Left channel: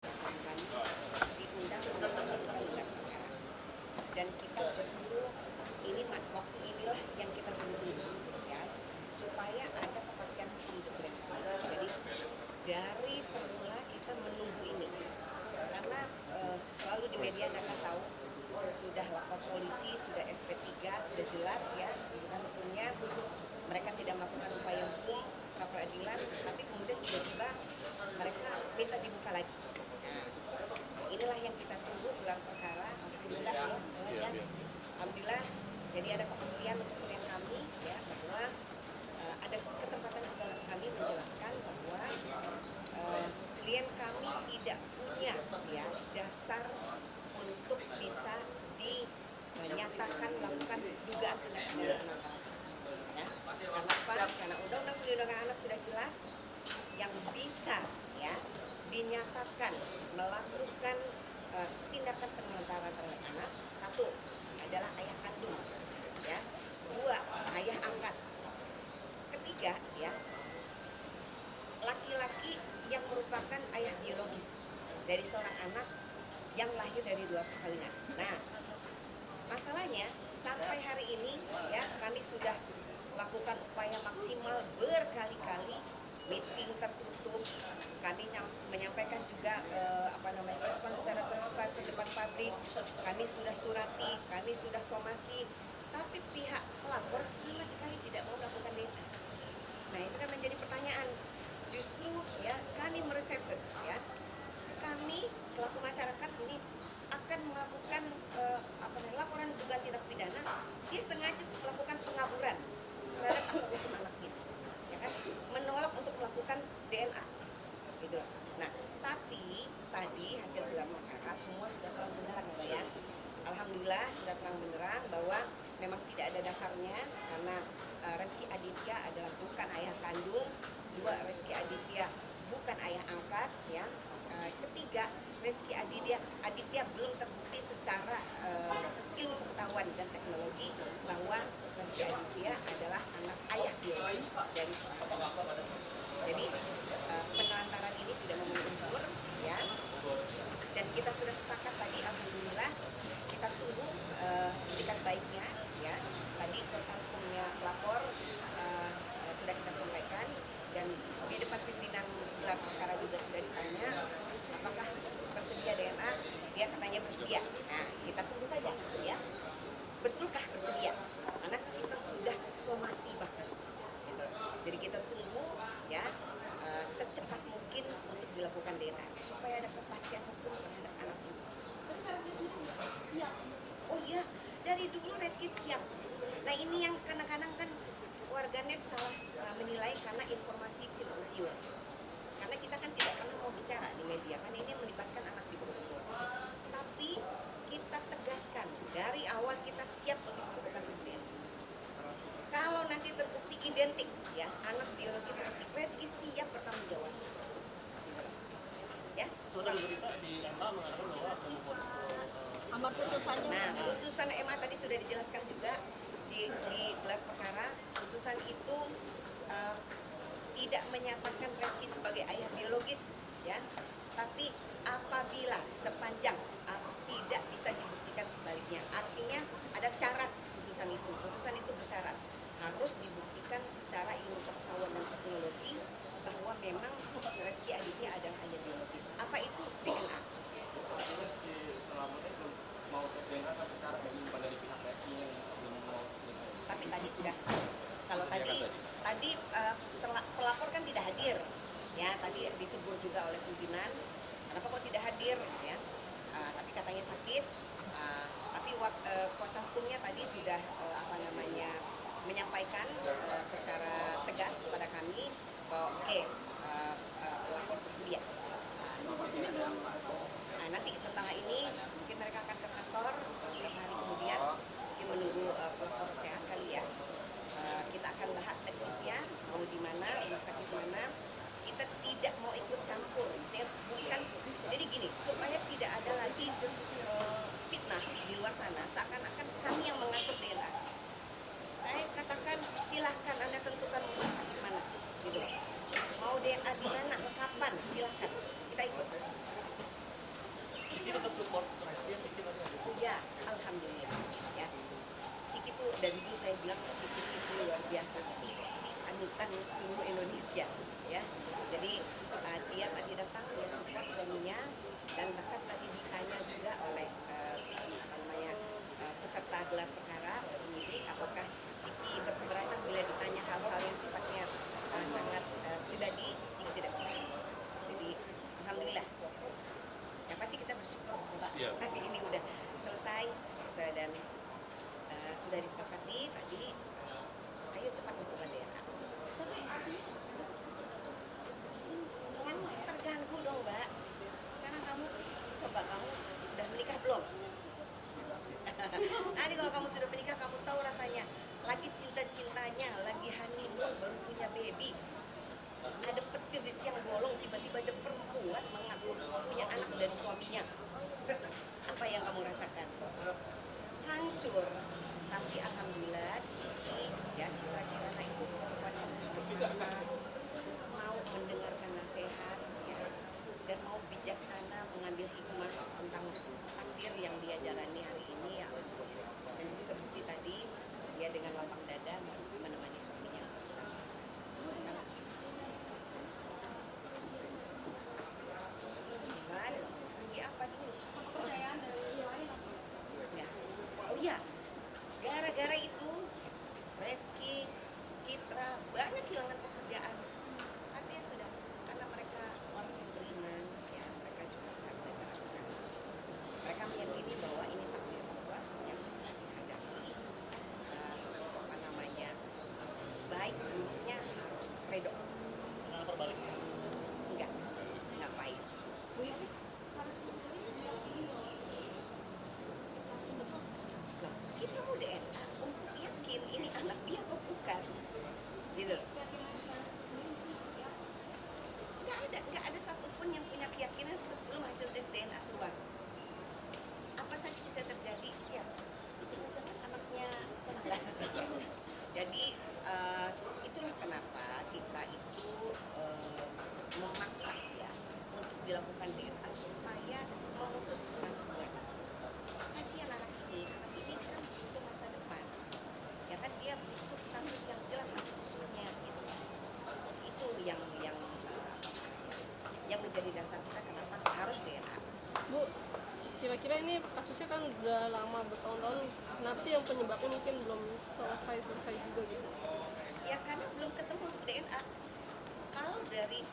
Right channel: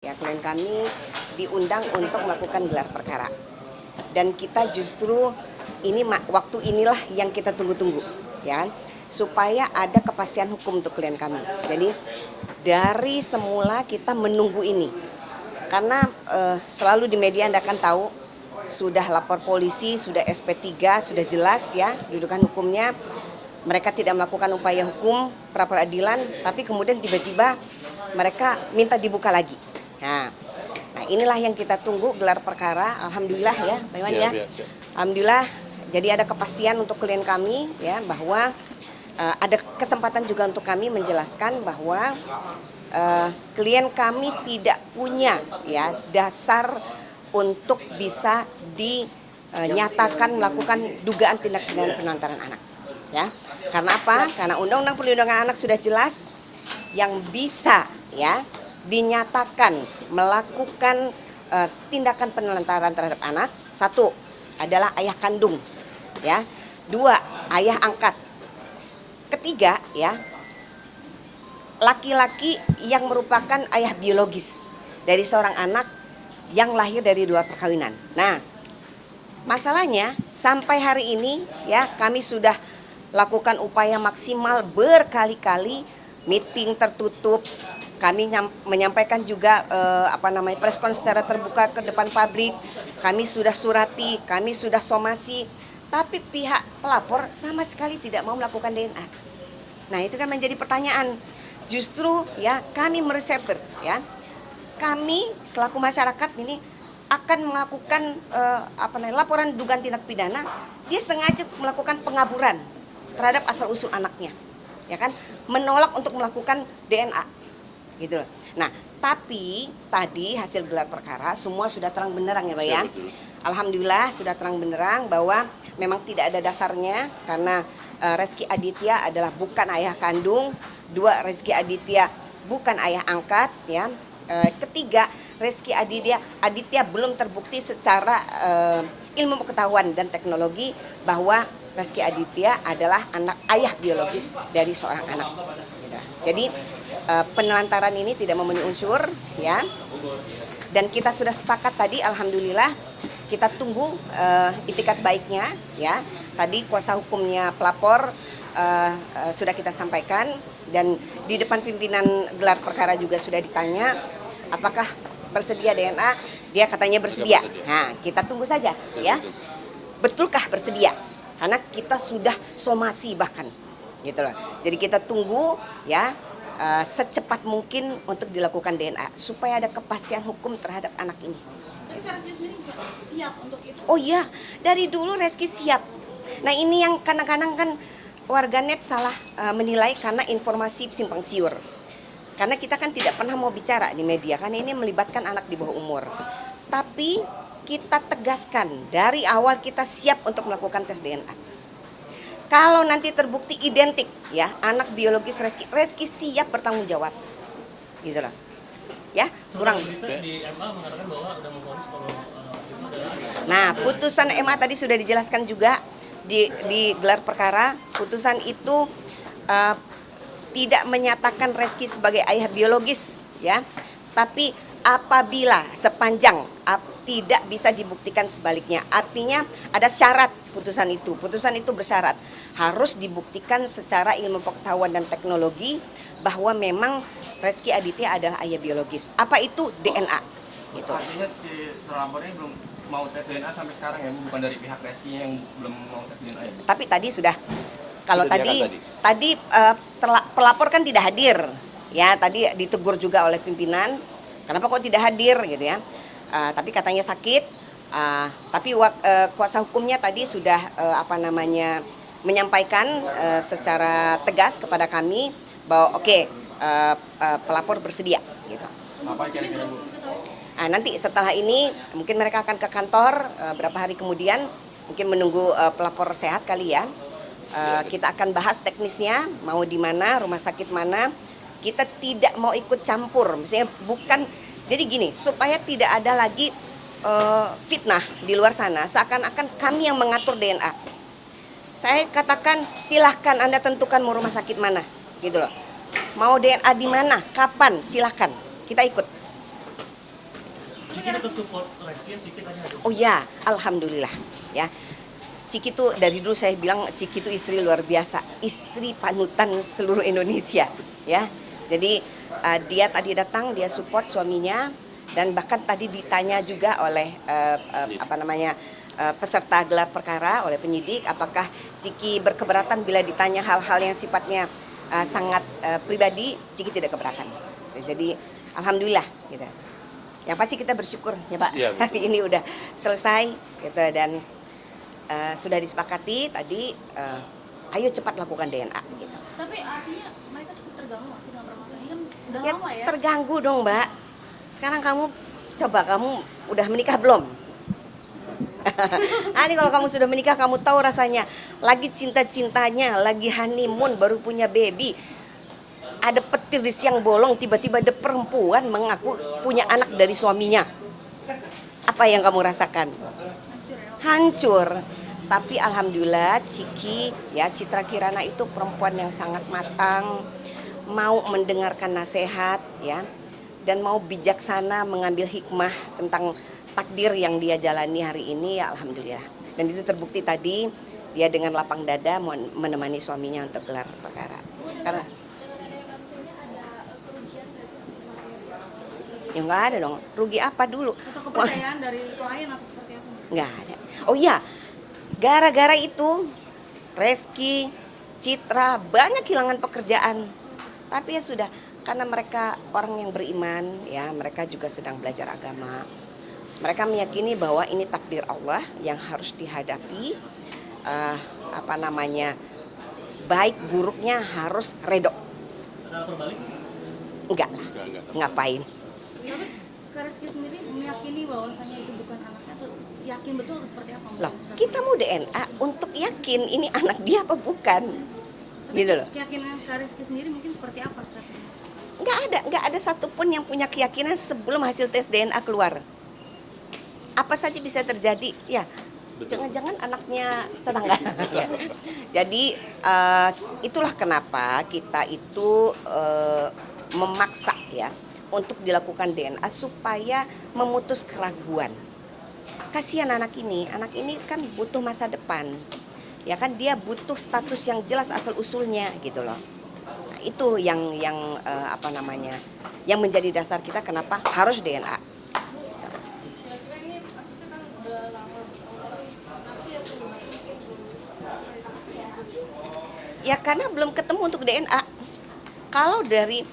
Ya, klien kami diundang untuk melakukan gelar perkara. Dan kita justru waktu inilah yang kita tunggu-tunggu, ya, supaya ada kepastian hukum untuk klien kami. Jadi dari semula kita menunggu ini, karena selalu di media Anda akan tahu sudah lapor polisi, sudah SP3, sudah jelas ya dudukan hukumnya. Mereka tidak melakukan upaya hukum pra peradilan, tapi kemudian tiba-tiba mereka minta dibuka lagi. Nah, inilah yang kita tunggu gelar perkara. Alhamdulillah ya, Pak Iwan ya. Alhamdulillah. Jadi ada kepastian untuk klien kami ya bahwa ada kesempatan juga untuk kami menjelaskan bahwa klien kami tidak punya ya dasar untuk bisa dinyatakan melakukan dugaan tindak pidana penelantaran anak. Ya, karena apa? Karena Undang-Undang Perlindungan Anak sudah jelas yang bisa ya dinyatakan melakukan tindakan penelantaran terhadap anak. Satu adalah ayah kandung, ya. Dua, ayah angkat. Ketiga, ya, laki-laki yang merupakan ayah biologis dari seorang anak yang lahir dari luar perkawinan. Nah, masalahnya sampai hari ini ya kami sudah lakukan upaya maksimal berkali-kali, meeting tertutup, kami menyampaikan juga press conference secara terbuka ke depan publik, kami sudah surati, kami sudah somasi, tapi pihak pelapor sama sekali tidak mau melakukan DNA. Nah itu kan menjadi pertanyaan, justru ya kami mereserver ya, kami selaku masyarakat ini akan melakukan laporan dugaan tindak pidana, dia sengaja melakukan pengaburan terhadap asal-usul anaknya, ya kan, menolak untuk melakukan DNA, gitu loh. Nah, tapi tadi hasil gelar perkara semua sudah terang benderang ya Pak ya. Alhamdulillah sudah terang benderang bahwa memang tidak ada dasarnya karena Reski Aditya adalah bukan ayah kandung, dua Reski Aditya bukan ayah angkat, ya. Ketiga, Reski Aditya belum terbukti secara ilmu pengetahuan dan teknologi bahwa Reski Aditya adalah ayah biologis dari seorang anak. Jadi penelantaran ini tidak memenuhi unsur, ya. Dan kita sudah sepakat tadi, alhamdulillah, kita tunggu itikat baiknya, ya. Tadi kuasa hukumnya pelapor sudah kita sampaikan dan di depan pimpinan gelar perkara juga sudah ditanya apakah bersedia DNA, dia katanya bersedia. Nah, kita tunggu saja, ya. Betulkah bersedia? Karena kita sudah somasi bahkan, gitu loh. Jadi kita tunggu ya secepat mungkin untuk dilakukan DNA supaya ada kepastian hukum terhadap anak ini. Tapi Reski sendiri siap untuk itu? Oh iya, dari dulu Reski siap. Nah ini yang kadang-kadang kan warganet salah menilai karena informasi simpang siur. Karena kita kan tidak pernah mau bicara di media karena ini melibatkan anak di bawah umur. Tapi kita tegaskan dari awal kita siap untuk melakukan tes DNA. Kalau nanti terbukti identik ya anak biologis Reski siap bertanggung jawab, gitu loh. Ya kurang. Nah putusan MA tadi sudah dijelaskan juga di gelar perkara. Putusan itu tidak menyatakan Reski sebagai ayah biologis, ya. Tapi apabila sepanjang tidak bisa dibuktikan sebaliknya, artinya ada syarat putusan itu. Putusan itu bersyarat harus dibuktikan secara ilmu pengetahuan dan teknologi bahwa memang Reski Aditya adalah ayah biologis. Apa itu? DNA. Gitu. Artinya si terlapor ini belum mau tes DNA sampai sekarang ya, bukan dari pihak Reski yang belum mau tes DNA ya? Tapi tadi sudah. Kalau tadi pelapor kan tidak hadir, ya tadi ditegur juga oleh pimpinan. Kenapa kok tidak hadir gitu ya? Tapi katanya sakit. Tapi kuasa hukumnya tadi sudah menyampaikan secara tegas kepada kami bahwa pelapor bersedia. Gitu. Nanti setelah ini mungkin mereka akan ke kantor berapa hari kemudian, mungkin menunggu pelapor sehat kali ya. Kita akan bahas teknisnya, mau di mana, rumah sakit mana. Kita tidak mau ikut campur, misalnya bukan, jadi gini, supaya tidak ada lagi fitnah di luar sana, seakan-akan kami yang mengatur DNA. Saya katakan silahkan Anda tentukan mau rumah sakit mana, gitu loh. Mau DNA di mana, kapan, silahkan, kita ikut. tetap support Reski, Ciki tadi ada. Oh ya, alhamdulillah ya. Ciki tuh dari dulu saya bilang Ciki tuh istri luar biasa, istri panutan seluruh Indonesia ya. Jadi dia tadi datang, dia support suaminya dan bahkan tadi ditanya juga oleh peserta gelar perkara oleh penyidik, apakah Ciki berkeberatan bila ditanya hal-hal yang sifatnya sangat pribadi. Ciki tidak keberatan. Jadi alhamdulillah gitu. Yang pasti kita bersyukur ya Pak, Iya, betul. hari ini udah selesai gitu dan sudah disepakati tadi, ayo cepat lakukan DNA gitu. Tapi artinya mereka cukup terganggu nggak sih dengan permasalahan ini kan udah Ya, lama ya? terganggu dong Mbak. Sekarang kamu udah menikah belum? Ini kalau kamu sudah menikah kamu tahu rasanya lagi cinta-cintanya, lagi honeymoon baru punya baby. Ada petir di siang bolong, tiba-tiba ada perempuan mengaku punya anak dari suaminya. Apa yang kamu rasakan? Hancur. Tapi alhamdulillah Ciki ya, Citra Kirana itu perempuan yang sangat matang, mau mendengarkan nasihat ya, dan mau bijaksana mengambil hikmah tentang takdir yang dia jalani hari ini ya alhamdulillah. Dan itu terbukti tadi dia dengan lapang dada mau menemani suaminya untuk gelar perkara. Karena ya nggak ada dong, rugi apa dulu? Atau kepercayaan dari klien atau seperti apa? Nggak ada. Oh iya, gara-gara itu Reski, Citra banyak kehilangan pekerjaan. Tapi ya sudah, karena mereka orang yang beriman ya, mereka juga sedang belajar agama. Mereka meyakini bahwa ini takdir Allah yang harus dihadapi. Baik buruknya harus redok. Ada lapor balik? Enggak lah, Enggak. ngapain? Tapi Kak Reski sendiri meyakini bahwasanya itu bukan anaknya tuh yakin betul atau seperti apa? Loh, kita mau DNA untuk yakin ini anak dia apa bukan. Gitu loh. Keyakinan Kak Reski sendiri mungkin seperti apa statement? Nggak ada satupun yang punya keyakinan sebelum hasil tes DNA keluar. Apa saja bisa terjadi, ya. Jangan-jangan anaknya tetangga. Ya. Jadi itulah kenapa kita itu memaksa ya untuk dilakukan DNA supaya memutus keraguan. Kasihan anak ini kan butuh masa depan. Ya kan dia butuh status yang jelas asal usulnya gitu loh. Nah, itu yang yang menjadi dasar kita kenapa harus DNA. Kira-kira ini kasusnya kan udah lama bertahun-tahun, kenapa sih yang penyebabnya mungkin belum selesai sampai sekarang? Ya karena belum ketemu untuk DNA. Kalau dari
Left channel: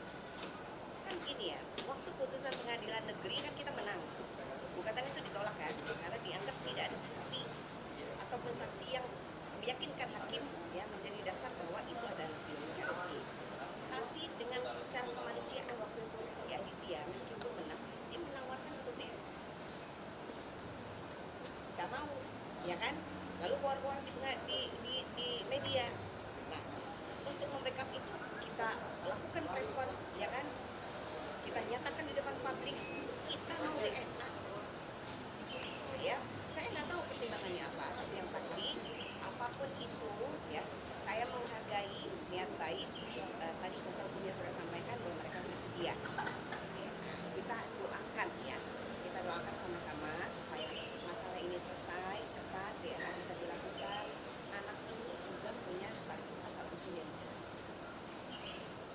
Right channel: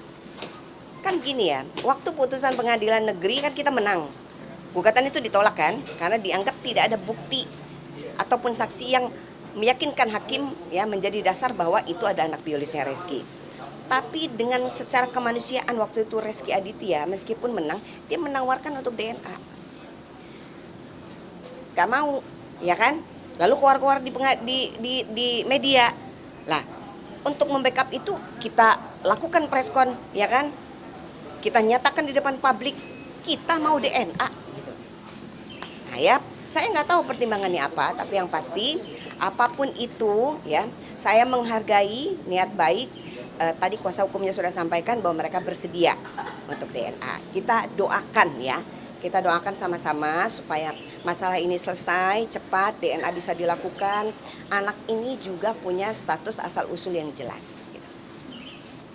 kan gini ya, waktu putusan pengadilan negeri kan kita menang. Gugatan itu ditolak kan karena dianggap tidak ada bukti ataupun saksi yang meyakinkan hakim ya menjadi dasar bahwa itu ada anak biologisnya Reski. Tapi dengan secara kemanusiaan waktu itu Reski Aditya meskipun menang, dia menawarkan untuk DNA. Gak mau, ya kan? Lalu keluar-keluar di media. Lah, untuk membackup itu kita lakukan preskon, ya kan? Kita nyatakan di depan publik, kita mau DNA. Gitu. Nah ya, saya nggak tahu pertimbangannya apa, tapi yang pasti apapun itu, ya, saya menghargai niat baik. Tadi kuasa hukumnya sudah sampaikan bahwa mereka bersedia untuk DNA. Kita doakan ya, kita doakan sama-sama supaya masalah ini selesai cepat, DNA bisa dilakukan. Anak ini juga punya status asal usul yang jelas. Gitu.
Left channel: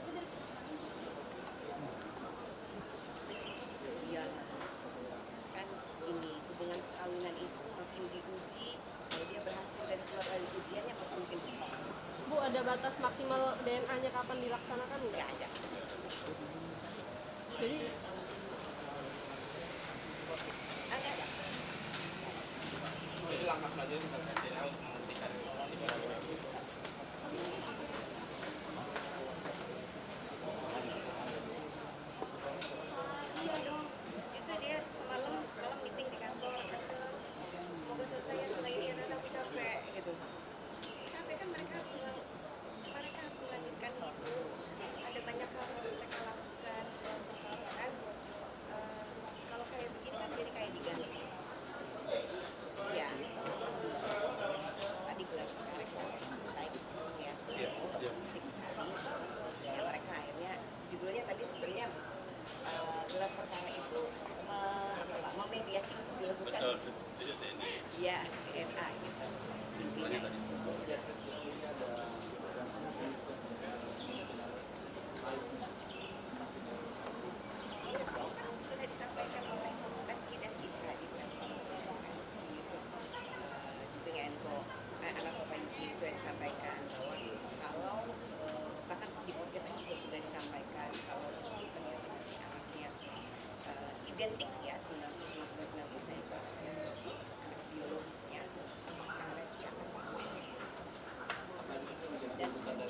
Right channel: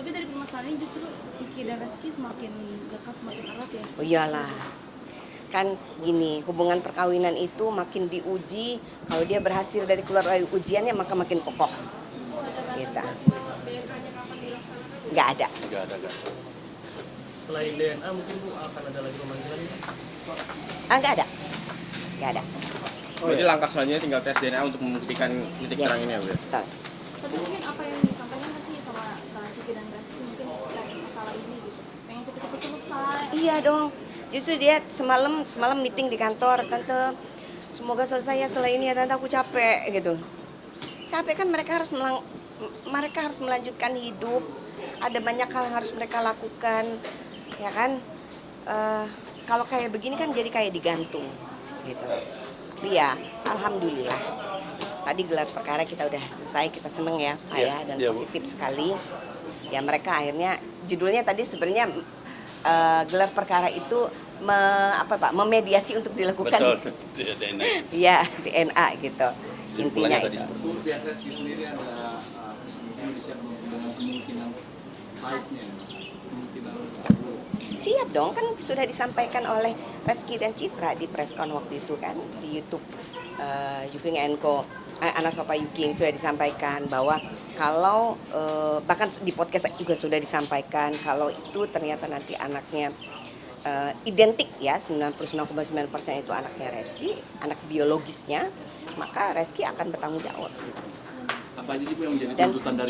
Tapi dari permasalahan ini justru Ciki dan Reski semakin dekat, semakin erat ya. Oh iyalah, kan gini, hubungan perkawinan itu makin diuji. Kalau dia berhasil dari keluar dari ujiannya maka makin kokoh. Bu, ada batas Gitu. maksimal DNA-nya kapan dilaksanakan? Nggak ada. Enggak ada. Selain DNA mungkin Bu akan ada lagi pemanggilan? Nggak ada. Nggak ada. Berarti langkah selanjutnya tinggal tes DNA untuk membuktikan titik terang ini ya Bu? Betul. Tapi mungkin apa yang disampaikan nanti sama Ciki dan Reski mungkin masalah ini gitu. Pengen cepet-cepet selesai. Iya dong. Justru dia semalam meeting di kantor, tante. Semoga selesai ya setelah ini ya tante, aku capek gitu. Capek kan mereka harus melanjutkan hidup. Ada banyak hal yang harus mereka lakukan, ya kan? Kalau kayak begini kan jadi kayak digantung, gitu. Tapi ya, alhamdulillah. Tadi gelar perkara kita udah selesai, kita seneng ya, Pak ya, dan Iya, Bu. positif sekali. Ya mereka akhirnya judulnya tadi sebenarnya gelar perkara itu memediasi untuk dilakukan. Betul, DNA. Iya, DNA gitu. Intinya Simpulannya tadi. itu. Bu, pihak Reski sendiri ada mungkin bisa dengan kemungkinan haidnya, kemungkinan Siap dong, kan sudah disampaikan oleh Reski dan Citra di preskon waktu itu kan di YouTube Yuking Co. Anak Sopa Yuking sudah disampaikan bahwa kalau bahkan di podcast juga sudah disampaikan kalau itu ternyata nanti anaknya identik ya 99,9% itu anaknya Reski, anak biologisnya, maka Reski akan bertanggung jawab. Gitu. apa aja sih Bu yang menjadi Dan tuntutan dari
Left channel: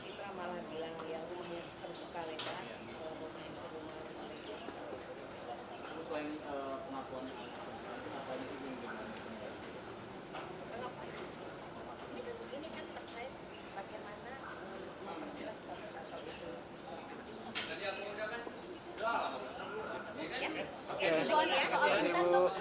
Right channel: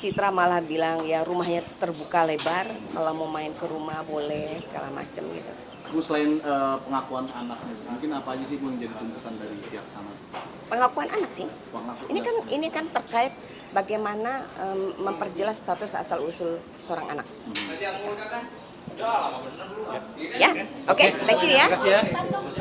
Citra malah bilang ya rumahnya terbuka lebar, kalau mau main ke rumah boleh segala macam gitu. Bu, selain pengakuan anaknya, mungkin apa aja sih Bu yang menjadi tuntutan dari pihak sana? Pengakuan anak sih. Pengakuan Ini kan terkait bagaimana memperjelas status asal usul seorang anak. Ya, oke, thank you ya. Terima kasih ya.